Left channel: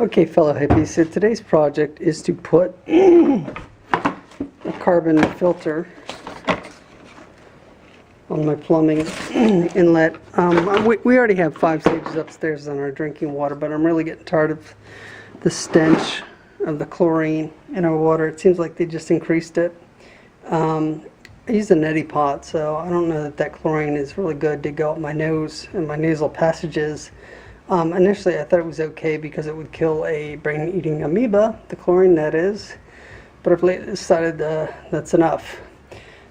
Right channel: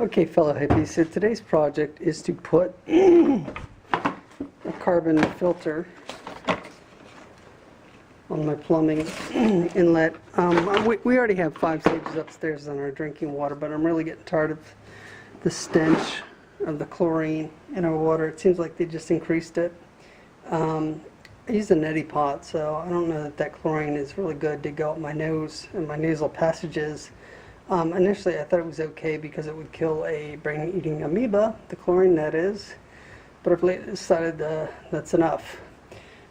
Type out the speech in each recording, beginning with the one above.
Okay, fellow hippies, so today's project is to put a carbon filter on my plumbing inlet. We already have 5 stages upstairs on our drinking water, but I'm really getting tired of the stench of the chlorine in our water. It seems like they just increased it. I use a neti pot, so I don't know that chlorine is really good to go up my nose and my nasal passages. Initially I thought it was okay because it would kill a brain-eating amoeba, the chlorine that is, but I've lately decided that's enough.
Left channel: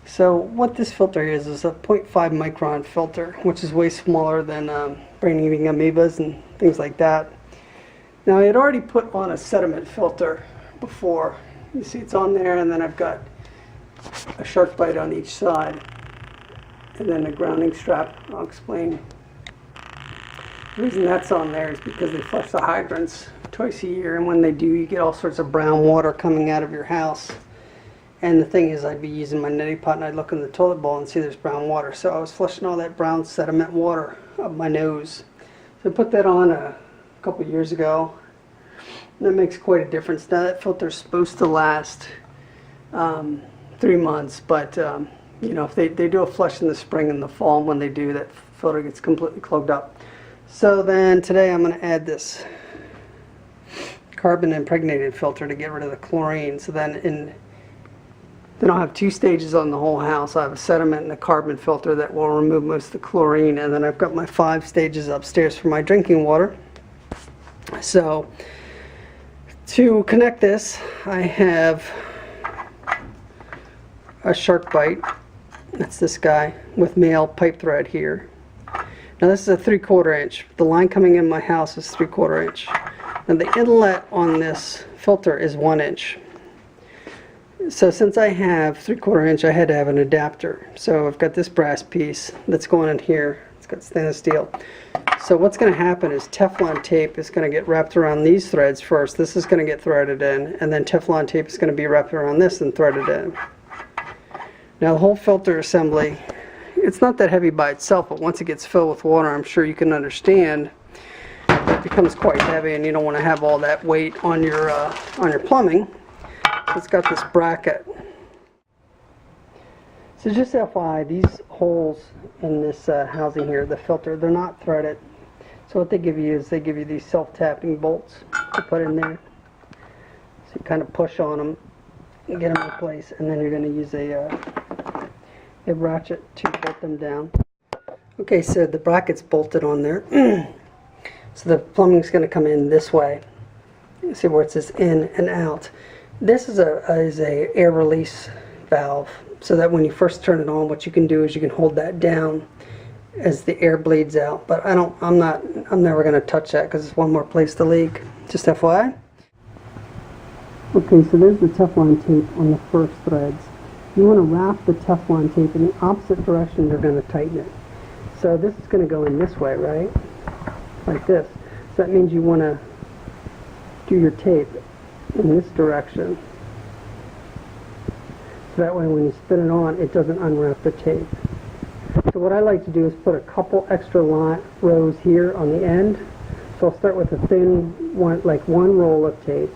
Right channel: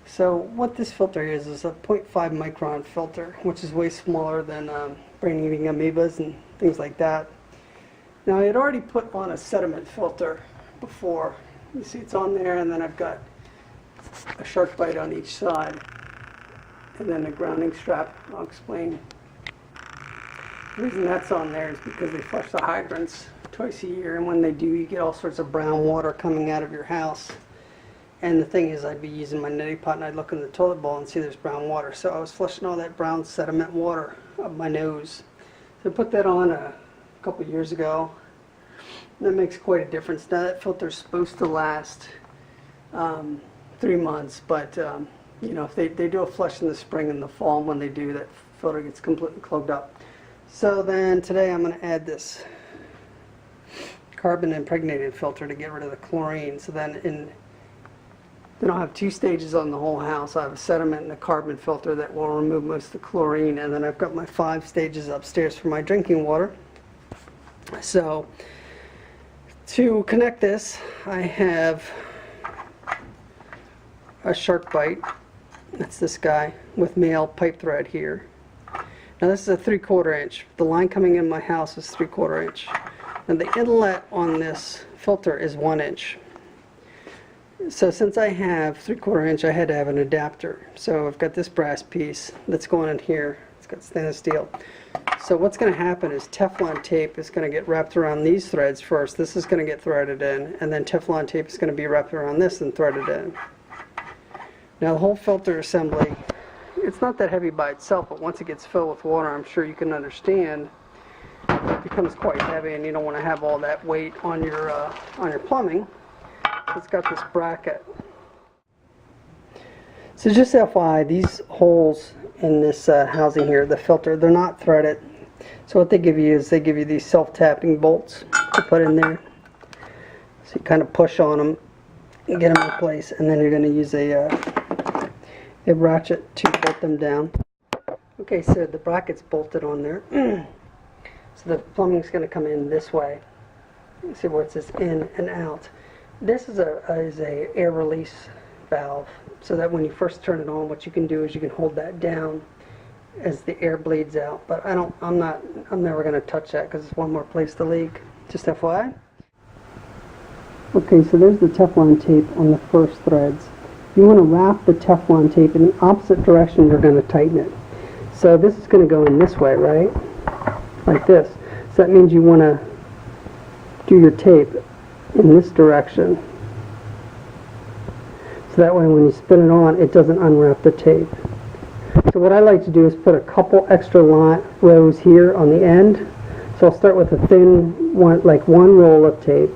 So what this filter is a 0.5 micron filter, which is way smaller than brain-eating amoebas and things like that. Now I had already put on a sediment filter before. You see it's on there, and then I've got a SharkBite on each side and then a grounding strap. I'll explain. The reason that's on there is because they flush the hydrants twice a year, and when they do, you get all sorts of brown water coming out of your house. And the thing is, I'd be using my neti pot and I'd look in the toilet bowl and see there's brown water. So I was flushing all that brown sediment water up my nose. So I put that on a couple years ago. And that makes quite a difference. Now that filter's supposed to last 3 months, but you know, if they do a flush in the spring and the fall, and when they do, that filter gets completely clogged up. So then today I'm going to add this carbon impregnated filter to get rid of the chlorine. So then I'll have 2 stages on the whole house. I have a sediment and a carbon filter that will remove most of the chlorine, and then I've got my 5 stages upstairs for my drinking water. So to connect this, I have a SharkBite. That's this guy with male pipe thread here. Now this is a 3/4 inch. The line coming in my house is 3/4 inch. And the inlet on this filter is 1 inch. So since I have 3/4 inch, I had to have an adapter. So I've got this brass piece that's going in here. It's got stainless steel. So what's going to happen is Teflon tape is going to get wrapped around these threads first. This is going to get threaded in, and then Teflon tape is going to be wrapped around this and threaded in. Now the whole filter assembly, it's not that heavy by itself, but once it gets filled with water, I'm sure you can understand, it becomes quite heavy, and you don't want to have all that weight on your plumbing. So it's got this bracket. So just FYI, these holes in this housing here, the filter, they're not threaded. So what they give you is they give you these self-tapping bolts to put in there. So you kind of push on them and get them in place, and then you're going to use a ratchet to bolt them down. Okay, so the bracket's bolted on there. So the plumbing's going to come in this way. You see where it says in and out. This is a air release valve, so that when you first turn it on, what you can do is you can hold that down as the air bleeds out. But I'm never going to touch that because it's one more place to leak. Just FYI. Okay, so there's the Teflon tape on the first threads. You want to wrap the Teflon tape in the opposite direction we're going to tighten it. So this is going to go in this way, right? Like this. So that means you want to do your tape in this direction. So that way when you spin it on, it doesn't unwrap the tape. So what I like to do is put a couple extra rows here on the end. So I'll start with a thin one, like 1 roll of tape.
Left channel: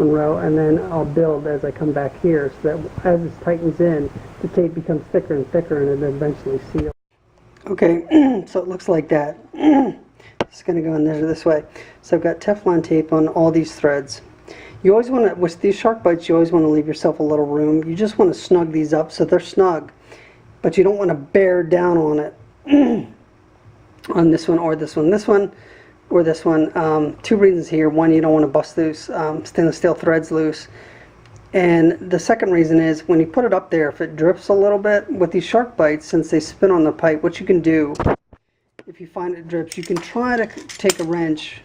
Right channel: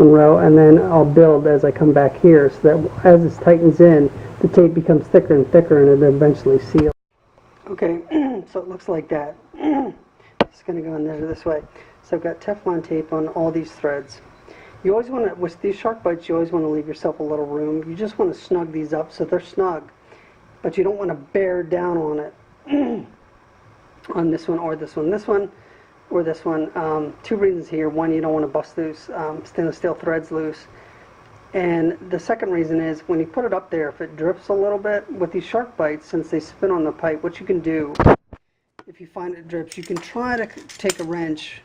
Row, and then I'll build as I come back here, so that as it tightens in, the tape becomes thicker and thicker, and it'll eventually seal. Okay, so it looks like that. It's going to go in there this way. So I've got Teflon tape on all these threads. You always want to, with these SharkBites, you always want to leave yourself a little room. You just want to snug these up so they're snug, but you don't want to bear down on it. On this one or this one. This one or this one. 2 reasons here. One, you don't want to bust those stainless steel threads loose. And the second reason is when you put it up there, if it drips a little bit, with these SharkBites, since they spin on the pipe, what you can do, if you find it drips, you can try to take a wrench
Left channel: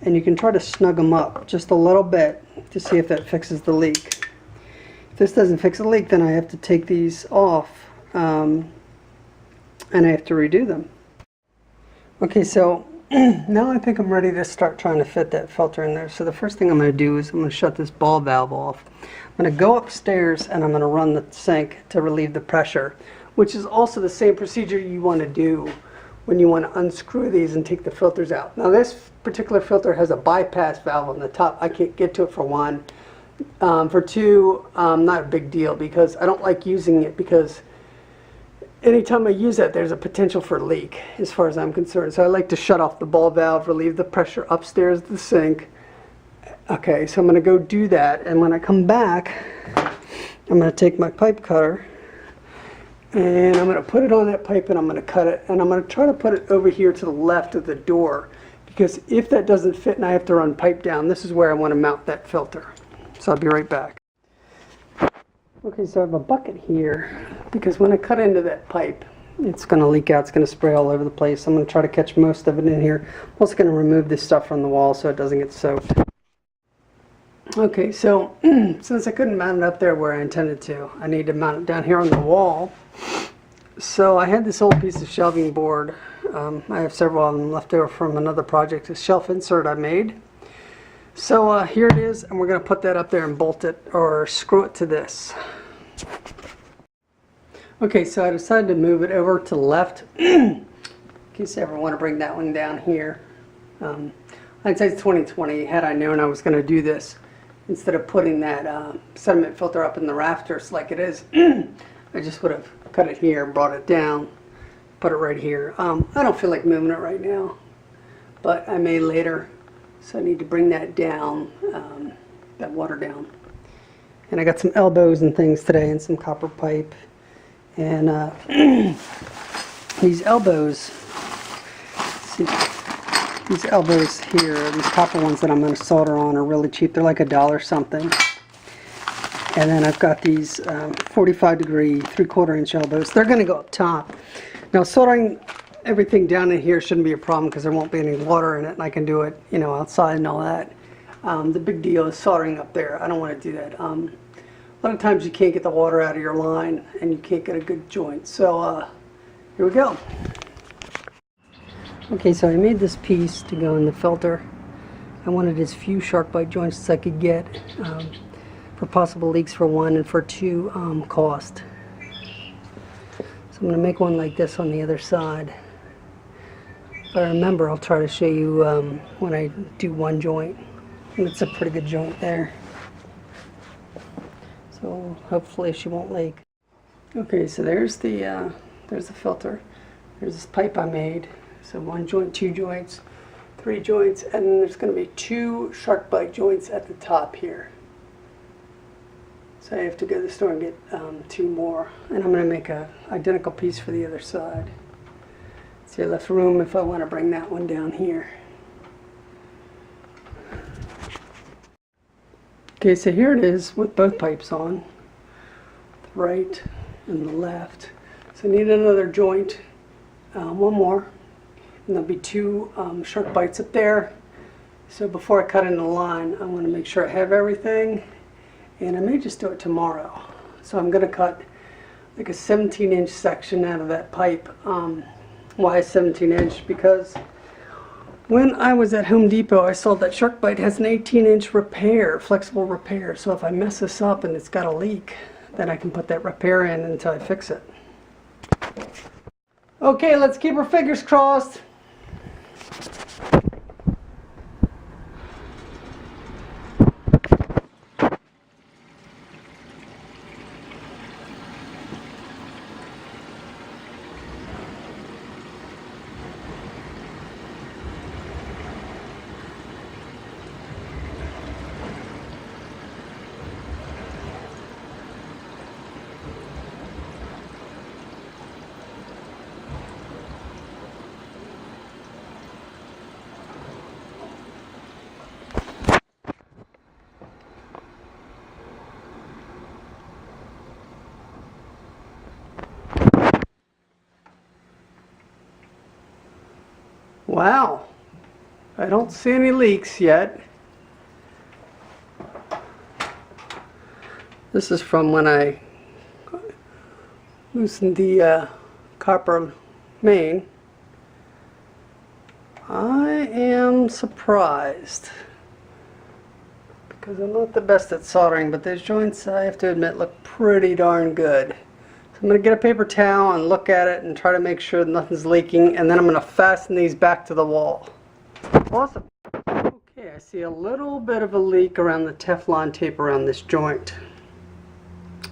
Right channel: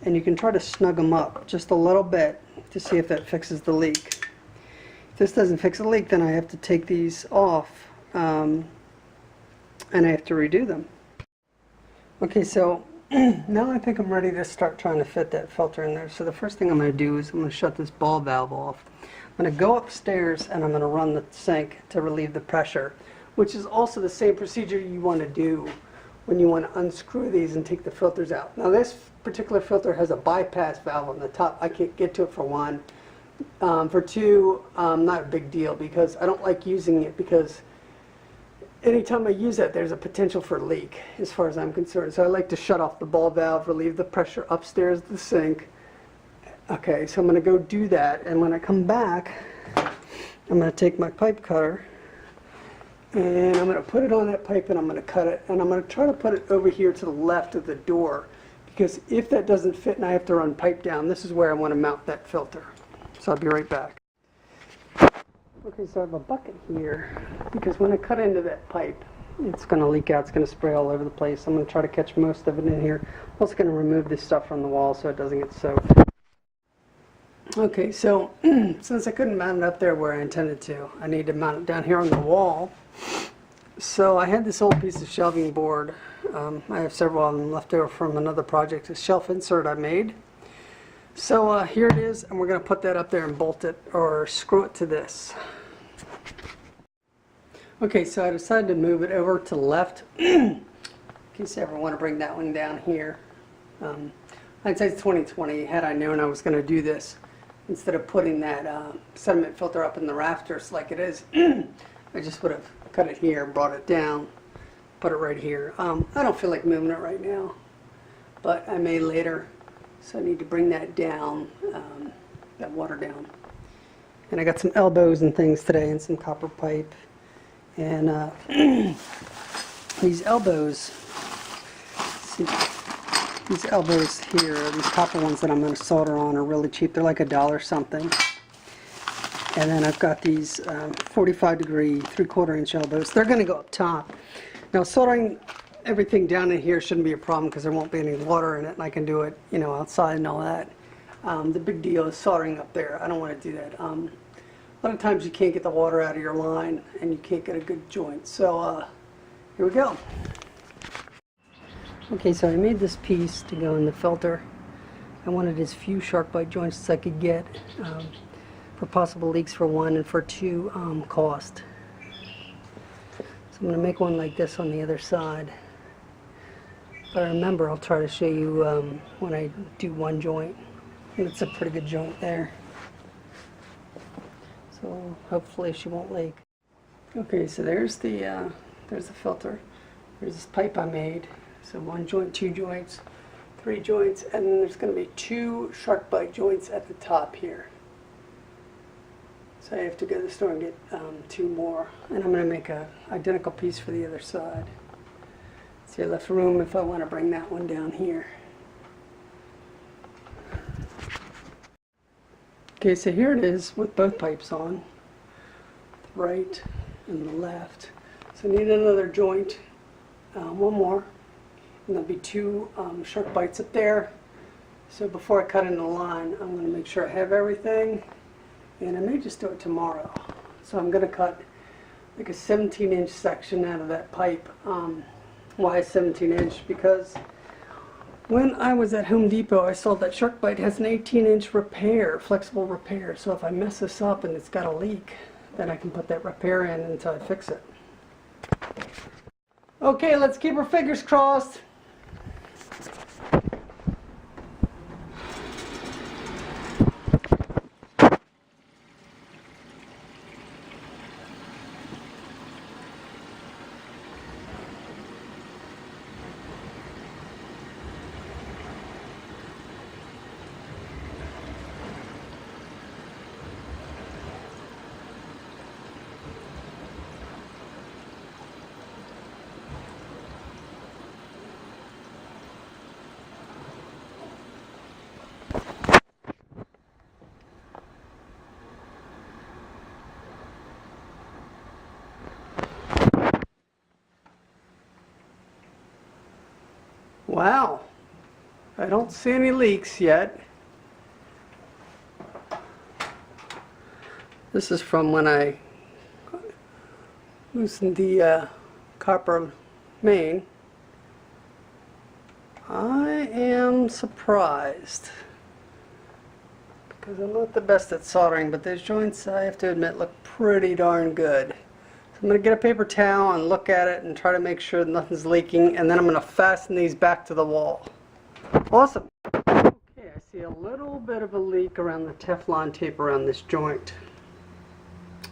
and you can try to snug them up just a little bit to see if that fixes the leak. If this doesn't fix the leak, then I have to take these off and I have to redo them. Okay, so now I think I'm ready to start trying to fit that filter in there. So the first thing I'm going to do is I'm going to shut this ball valve off. I'm going to go upstairs and I'm going to run the sink to relieve the pressure, which is also the same procedure you want to do when you want to unscrew these and take the filters out. Now this particular filter has a bypass valve on the top. I can't get to it for one. For two, not a big deal because I don't like using it because anytime I use that there's a potential for a leak as far as I'm concerned. So I like to shut off the ball valve, relieve the pressure upstairs of the sink. Okay, so I'm going to go do that, and when I come back I'm going to take my pipe cutter and I'm going to put it on that pipe and I'm going to cut it, and I'm going to try to put it over here to the left of the door, because if that doesn't fit and I have to run pipe down, this is where I want to mount that filter. So I'll be right back. Okay, so I have a bucket here because when I cut into that pipe it's going to leak out, it's going to spray all over the place. I'm going to try to catch most of it in here. I'm also going to remove this stuff from the wall so it doesn't get soaked. Okay, so since I couldn't mount it up there where I intended to, I need to mount it down here on the wall. So I had this old piece of shelving board. I have several of them left over from another project, a shelf insert I made. So here it is, and we're going to put that up there and bolt it or screw it to this. Okay, so I decided to move it over to the left in case I ever want to bring that one down here. I'd say it's 2020. Had I known I was going to do this, instead of putting that sediment filter up in the rafters like it is, I just would have cut it here, brought it down, put it right here. I don't feel like moving it right now, but I may later. So I need to bring that down, that water down. And I got some elbows and things today and some copper pipe. And these elbows, see, these elbows here, these copper ones that I'm going to solder on are really cheap. They're like $1 something. And then I've got these 45-degree 3/4 inch elbows. They're going to go up top. Now soldering everything down in here shouldn't be a problem because there won't be any water in it, and I can do it, you know, outside and all that. The big deal is soldering up there. I don't want to do that. A lot of times you can't get the water out of your line and you can't get a good joint. So here we go. Okay, so I made this piece to go in the filter. I wanted as few SharkBite joints as I could get for possible leaks for one, and for two, cost. So I'm going to make one like this on the other side. If I remember, I'll try to show you when I do one joint. And it's a pretty good joint there. So hopefully she won't leak. Okay, so there's the filter. There's this pipe I made. So one joint, two joints, three joints, and then there's going to be two SharkBite joints at the top here. So I have to go to the store and get two more. And I'm going to make an identical piece for the other side. See, I left room if I want to bring that one down here. Okay, so here it is with both pipes on, the right and the left. So I need another joint, one more, and there'll be two SharkBites up there. So before I cut in the line, I'm going to make sure I have everything, and I may just do it tomorrow. So I'm going to cut like a 17-inch section out of that pipe. Why 17-inch? Because when I was at Home Depot, I saw that SharkBite has an 18-inch repair, flexible repair. So if I mess this up and it's got a leak, then I can put that repair in until I fix it. Okay, let's keep our fingers crossed. Wow, I don't see any leaks yet. This is from when I loosened the copper main. I am surprised because I'm not the best at soldering, but those joints, I have to admit, look pretty darn good. So I'm going to get a paper towel and look at it and try to make sure that nothing's leaking, and then I'm going to fasten these back to the wall. Awesome. Okay, I see a little bit of a leak around the Teflon tape around this joint.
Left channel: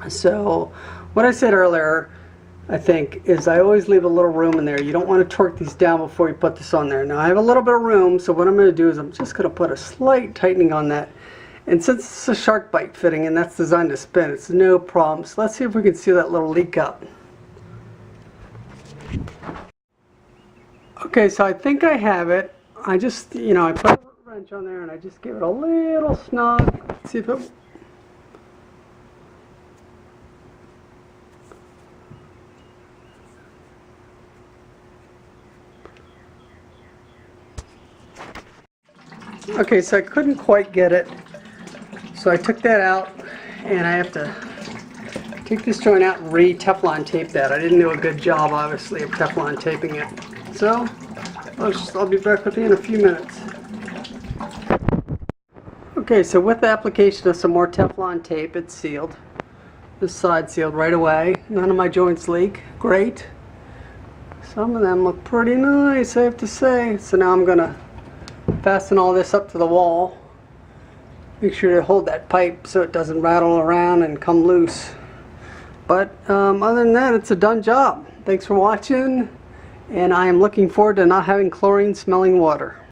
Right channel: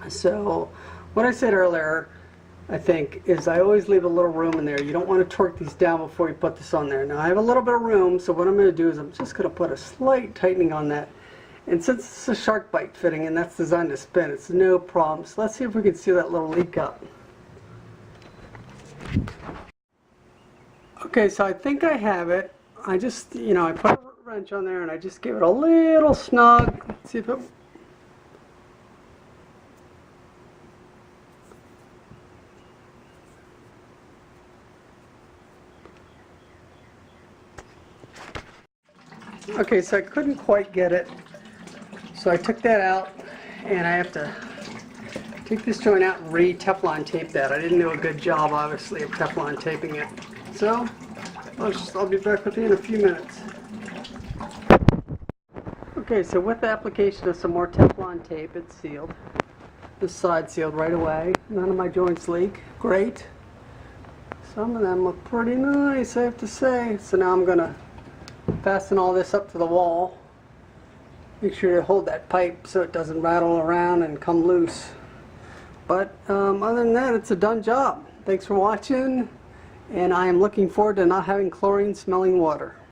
So what I said earlier, I think, is I always leave a little room in there. You don't want to torque these down before you put this on there. Now I have a little bit of room, so what I'm going to do is I'm just going to put a slight tightening on that. And since it's a SharkBite fitting and that's designed to spin, it's no problem. So let's see if we can see that little leak up. Okay, so I think I have it. I just, I put a wrench on there and I just give it a little snug. Let's see if it... Okay, so I couldn't quite get it. So I took that out, and I have to take this joint out and re-Teflon tape that. I didn't do a good job, obviously, of Teflon taping it. So I'll be back with you in a few minutes. Okay, so with the application of some more Teflon tape, it's sealed. This side sealed right away. None of my joints leak. Great. Some of them look pretty nice, I have to say. So now I'm going to fasten all this up to the wall. Make sure to hold that pipe so it doesn't rattle around and come loose. But other than that, it's a done job. Thanks for watching, and I am looking forward to not having chlorine smelling water.